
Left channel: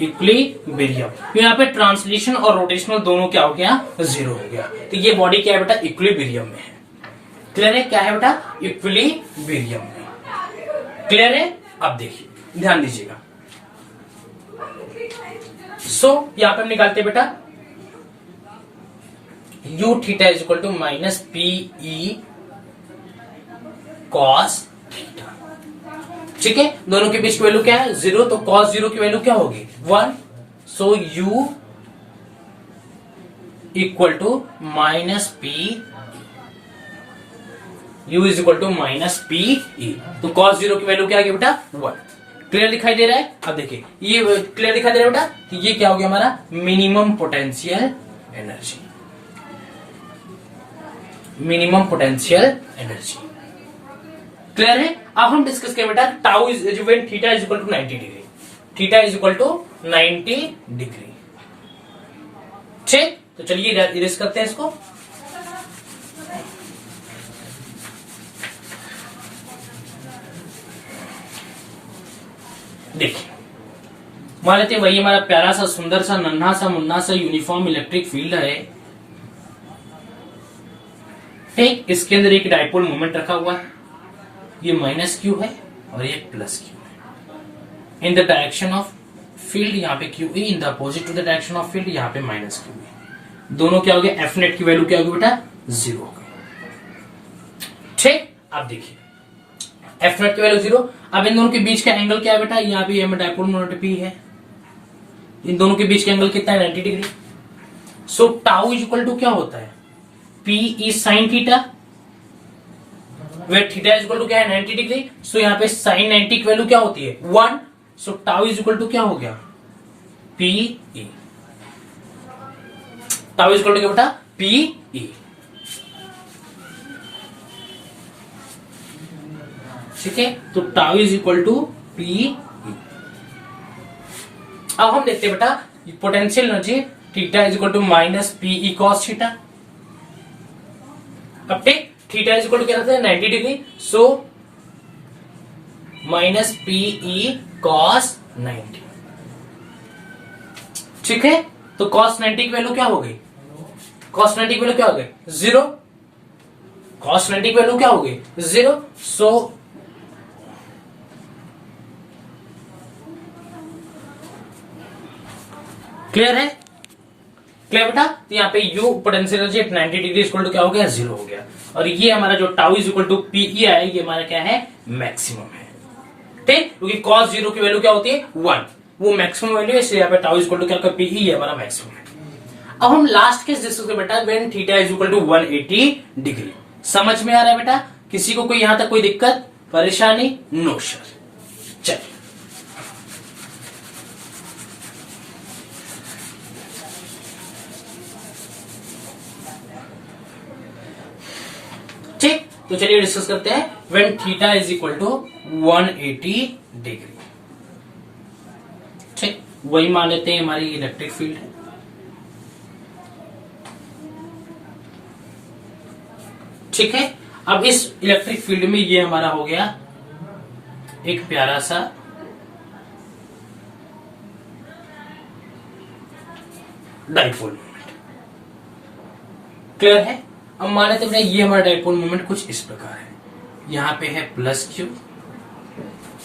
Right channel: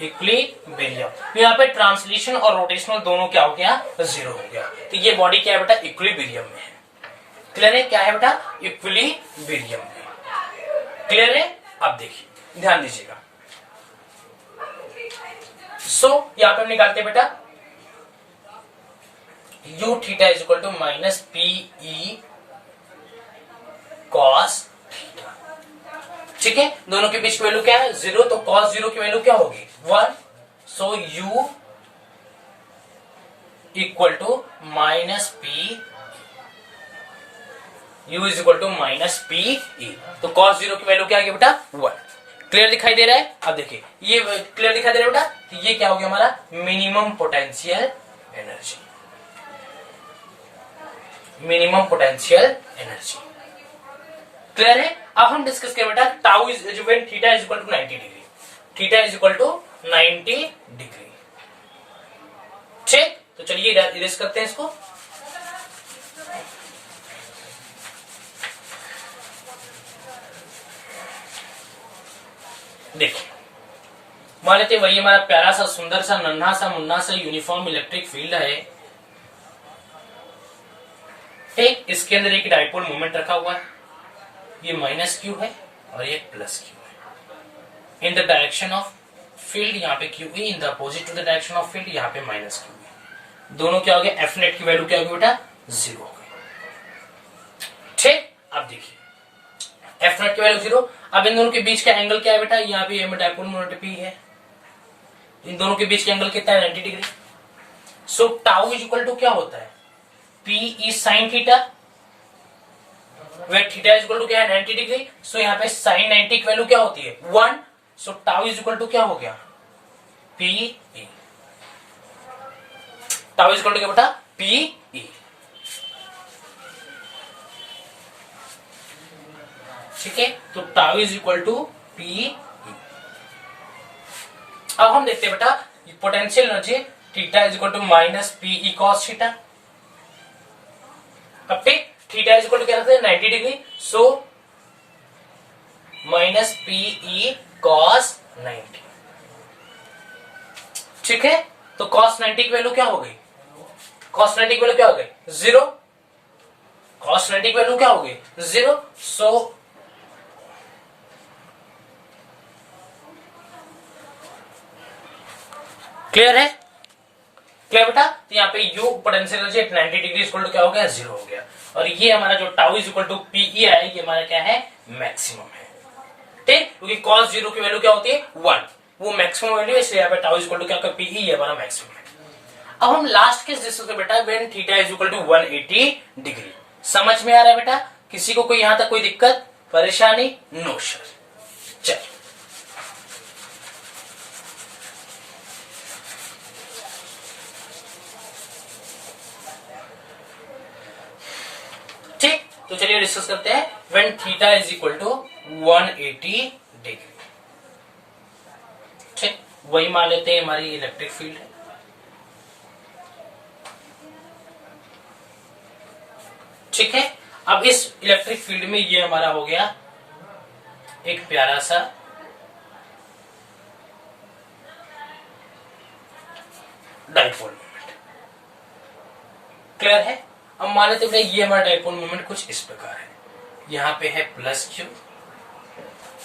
इक्विलिब्रियम। यहाँ पे ट्रांसलेशन और रोटेशनल दोनों क्या हो गया 0 हो गया, तो ये बॉडी क्या है बेटा इक्विलिब्रियम में है। क्लियर है? क्या है बेटा इक्विलिब्रियम में। क्लियर है? अब देखिए ध्यान दीजिएगा। यहां पे हम निकालते हैं बेटा u theta is equal to minus PE cos theta, ठीक है। दोनों के बीच की वैल्यू क्या है 0, तो कॉस 0 की वैल्यू क्या होगी 1, so u equal to minus P, u is equal to minus P E. तो कॉस 0 की वैल्यू क्या है बेटा 1। क्लियर दिखाई दे रहा है? अब देखिए ये क्लियर दिखाई दे रहा है बेटा, तो ये क्या हो गया हमारा minimum potential energy, minimum potential energy. Clear है? अब हम डिस्कस करें बेटा tau is when theta is equal to 90 degree, theta is equal to 90 degree, ठीक। तो चलिए इरेज करते हैं इसको। देखिए मान लेते वही हमारा प्यारा सा सुंदर सा नन्हा सा मुन्ना सा यूनिफॉर्म इलेक्ट्रिक फील्ड है, ठीक। इसके अंदर एक डाइपोल मोमेंट रखा हुआ है, ये माइनस क्यू है और ये प्लस क्यू है in the direction of field, यहाँ पे Q E in the opposite to the direction of field, यहाँ पे माइनस क्यू ई। दोनों क्या हो गया एफ नेट की वैल्यू क्या होगी बेटा 0 हो गई, ठीक। अब देखिए एफ नेट की वैल्यू 0। अब इन दोनों के बीच का एंगल क्या है बेटा, यहाँ पे डाइपोल मोमेंट पी है, इन दोनों के बीच का एंगल कितना है 90 degree. So tau is equal to क्या होता है P E sine theta, where theta is equal to क्या है 90 डिग्री। सो यहाँ पे साइन 90 की वैल्यू क्या होती है 1, सो टाउ इज इक्वल टू क्या हो गया P E, tau is equal to क्या बेटा पी ई, ठीक है। तो tau is equal to P. अब हम देखते हैं बेटा potential energy theta is equal to minus PE cos theta. अब take theta is equal to क्या रहता है 90 degree, so minus PE cos 90। ठीक है, तो कॉस 90 की वैल्यू क्या हो गई, कॉस 90 की वैल्यू क्या हो गई 0, कॉस 90 की वैल्यू क्या हो गई 0। सो क्लियर है, क्लियर बेटा। तो यहाँ पे U potential energy at 90 degree equal to क्या हो गया 0 हो गया, और ये हमारा जो tau is equal to P E है ये हमारा क्या है मैक्सिमम है। ठीक, क्योंकि cos 0 की वैल्यू क्या होती है 1, वो मैक्सिमम वैल्यू है, इसलिए यहाँ पे टाउ इज इक्वल टू क्या पीई है हमारा मैक्सिमम है। अब हम लास्ट केस डिस्कस करें बेटा, when theta is equal to 180 degree. समझ में आ रहा है बेटा, किसी को कोई यहां तक कोई दिक्कत परेशानी? No sir. चल ठीक, तो चलिए डिस्कस करते हैं when theta is equal to 180 degree. ठीक, वही मान लेते हैं हमारी इलेक्ट्रिक फील्ड है। ठीक है, अब इस इलेक्ट्रिक फील्ड में ये हमारा हो गया एक प्यारा सा डाइपोल मोमेंट। क्लियर है, अब मान लेते हैं ये हमारा डाइपोल मोमेंट कुछ इस प्रकार है, यहां पे है प्लस क्यू,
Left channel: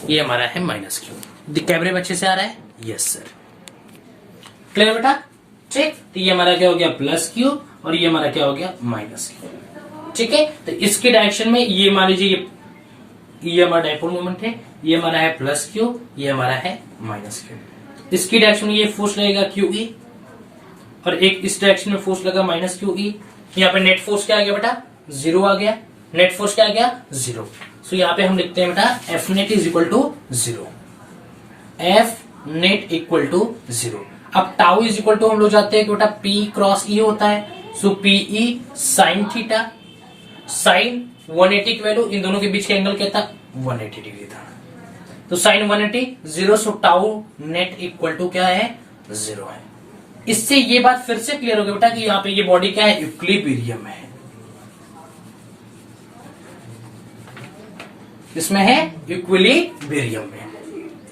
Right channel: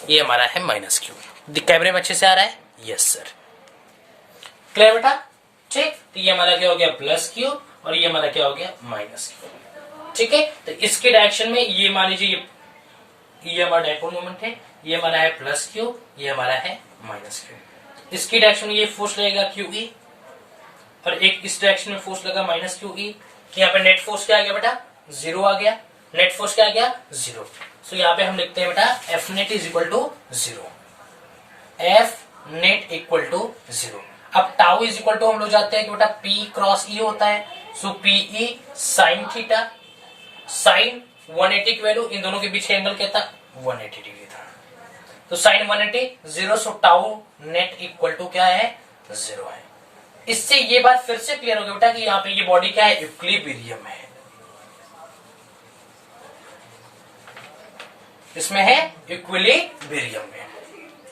ये हमारा है माइनस क्यू। कैमरे में अच्छे से आ रहा है? Yes sir. क्लियर बेटा? ठीक, तो ये हमारा क्या हो गया प्लस क्यू, और ये हमारा क्या हो गया माइनस क्यू। ठीक है, तो इसके डायरेक्शन में ये मान लीजिए ये हमारा डाइपोल मोमेंट है, ये हमारा है प्लस क्यू, ये हमारा है माइनस क्यू। इसकी डायरेक्शन में ये फोर्स लगेगा क्यू ई, और एक इस डायरेक्शन में फोर्स लगा माइनस क्यू ई। यहाँ पे नेट फोर्स क्या आ गया बेटा 0 आ गया, नेट फोर्स क्या आ गया 0। सो यहाँ पे हम लिखते हैं बेटा F net is equal to 0, F net equal to 0। अब टाउ इज इक्वल टू हम लोग जानते हैं कि बेटा पी क्रॉस ई होता है, सो पीई साइन थीटा, साइन 180 की वैल्यू, इन दोनों के बीच का एंगल क्या था 180 डिग्री था, तो sine 180 0, so tau net equal to क्या है 0 है। इससे ये बात फिर से क्लियर हो गई बेटा कि यहाँ पे ये बॉडी क्या है इक्विलिब्रियम है, इसमें है इक्विलिब्रियम में।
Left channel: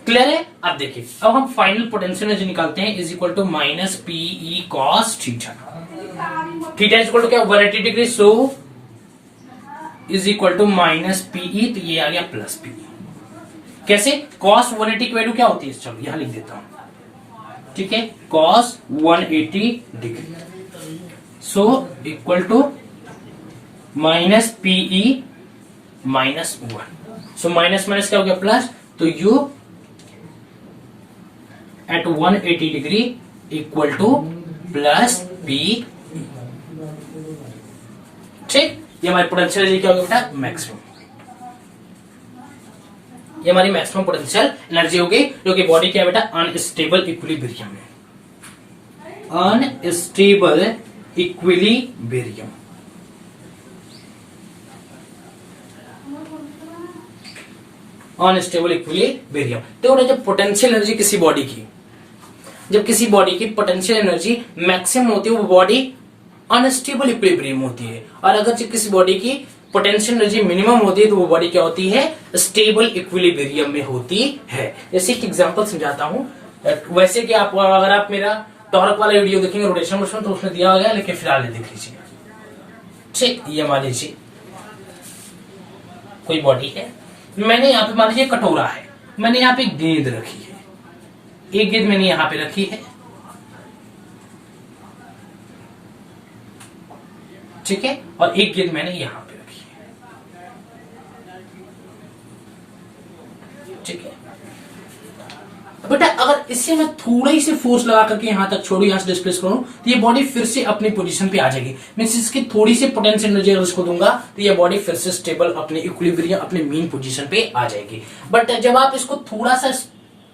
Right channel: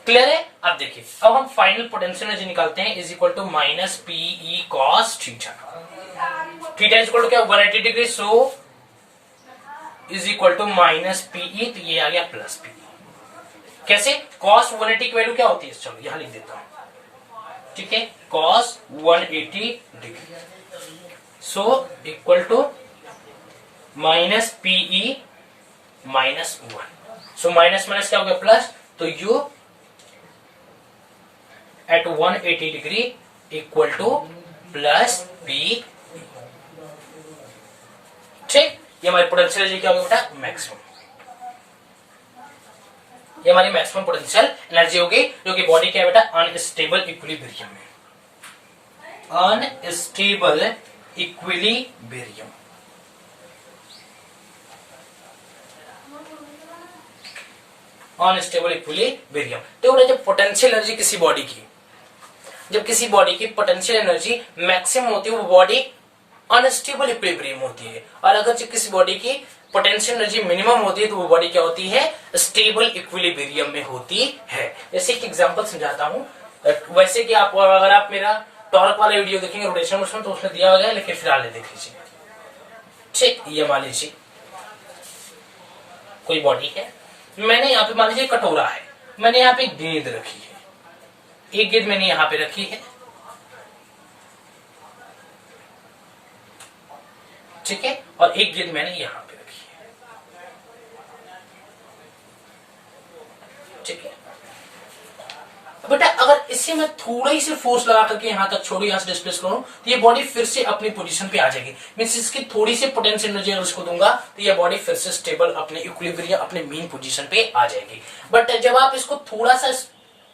क्लियर है? अब देखिए, अब हम फाइनल पोटेंशियल एनर्जी निकालते हैं is equal to minus PE cos theta. Theta is equal to क्या 180 degree, so is equal to minus PE, तो ये आ गया प्लस पीई। कैसे? कॉस 180 की वैल्यू क्या होती है, चलो यहां लिख देता हूं। ठीक है, cos 180 degree, so equal to minus PE minus 1, so minus minus क्या हो गया प्लस, तो U at 180 degree equal to plus P. ठीक, ये हमारी पोटेंशियल एनर्जी क्या होगी बेटा मैक्सिमम, ये हमारी मैक्सिमम पोटेंशियल एनर्जी होगी, जो कि बॉडी क्या है बेटा अनस्टेबल इक्विलिब्रियम में, अनस्टेबल इक्विलिब्रियम। Unstable equilibrium. तो जब पोटेंशियल एनर्जी किसी बॉडी की, जब किसी बॉडी की पोटेंशियल एनर्जी मैक्सिमम होती है वो बॉडी अनस्टेबल इक्विलिब्रियम होती है, और अगर जब किसी बॉडी की पोटेंशियल एनर्जी मिनिमम होती है तो वो बॉडी क्या होती है स्टेबल इक्विलिब्रियम में होती है। जैसे एक एग्जांपल समझाता हूं, वैसे कि आप अगर आप मेरा टॉर्क वाला वीडियो देखेंगे रोटेशन मोशन तो उसमें दिया गया, लेकिन फिलहाल देख लीजिए। ठीक, ये मान लीजिए कोई बॉडी है, मैंने यहाँ पे मान लीजिए कटोरा है, मैंने यहाँ पे गेंद रखी है, एक गेंद मैंने यहाँ पे रखी है, ठीक है, और एक गेंद मैंने यहाँ पे रखी है। ठीक है बेटा, अगर इससे मैं थोड़ा ही से फोर्स लगा करके यहां तक छोड़ू, यहां से डिस्प्लेस करूं तो ये बॉडी फिर से अपनी पोजीशन पे आ जाएगी। मैं इसकी थोड़ी सी पोटेंशियल एनर्जी अगर उसको दूंगा तो ये बॉडी फिर से स्टेबल अपने इक्विलिब्रियम अपने मीन पोजीशन पे आ जाएगी। बट जब आप इसको थोड़ा सा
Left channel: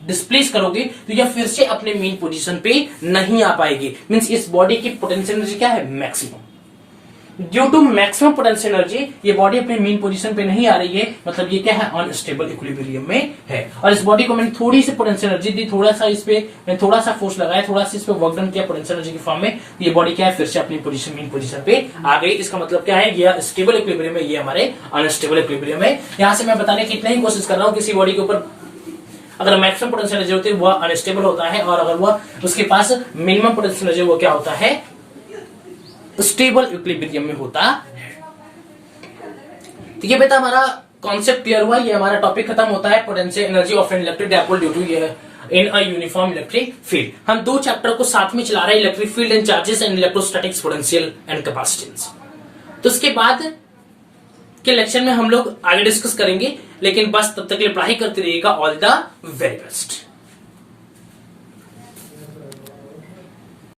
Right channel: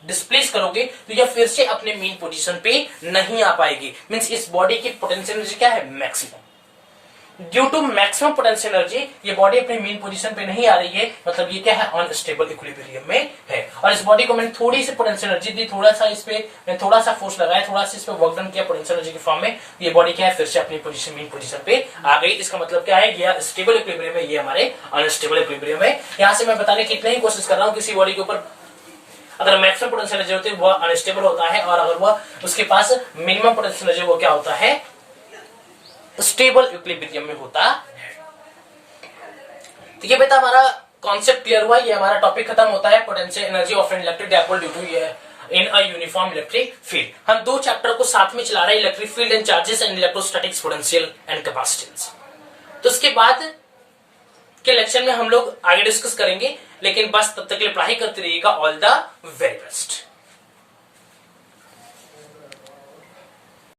डिस्प्लेस करोगे तो यह फिर से अपने मीन पोजीशन पे नहीं आ पाएगी। मींस इस बॉडी की पोटेंशियल एनर्जी क्या है maximum. Due to maximum potential energy ये बॉडी अपनी मेन पोजीशन पे नहीं आ रही है, मतलब ये क्या है, अनस्टेबल इक्विलिब्रियम में है। और इस बॉडी को मैंने थोड़ी सी पोटेंशियल एनर्जी दी, थोड़ा सा इस पे थोड़ा सा फोर्स लगाया, थोड़ा सा इस पे वर्क डन किया पोटेंशियल एनर्जी के फॉर्म में, ये बॉडी क्या है, फिर से अपनी पोजीशन मेन पोजीशन पे आ गई। इसका मतलब क्या है, ये स्टेबल इक्विलिब्रियम है, ये हमारे अनस्टेबल इक्विलिब्रियम है। यहां से मैं बताने की इतना ही कोशिश कर रहा हूं, किसी बॉडी के ऊपर अगर मैक्सिमम पोटेंशियल एनर्जी होती है वह अनस्टेबल होता है, और अगर वह उसके पास मिनिमम पोटेंशियल एनर्जी वो क्या होता है, स्टेबल इक्विलिब्रियम में होता है। तो ये बेटा हमारा कॉन्सेप्ट क्लियर हुआ, ये हमारा टॉपिक खत्म होता है, potential energy of an electric dipole due to in a uniform electric field. हम दो चैप्टर को साथ में चला रहे हैं, electric field and charges and electrostatics potential and capacitance. तो उसके बाद के लेक्चर में हम लोग आगे डिस्कस करेंगे, लेकिन बस तब तक के लिए पढ़ाई करते रहिएगा। All the very best.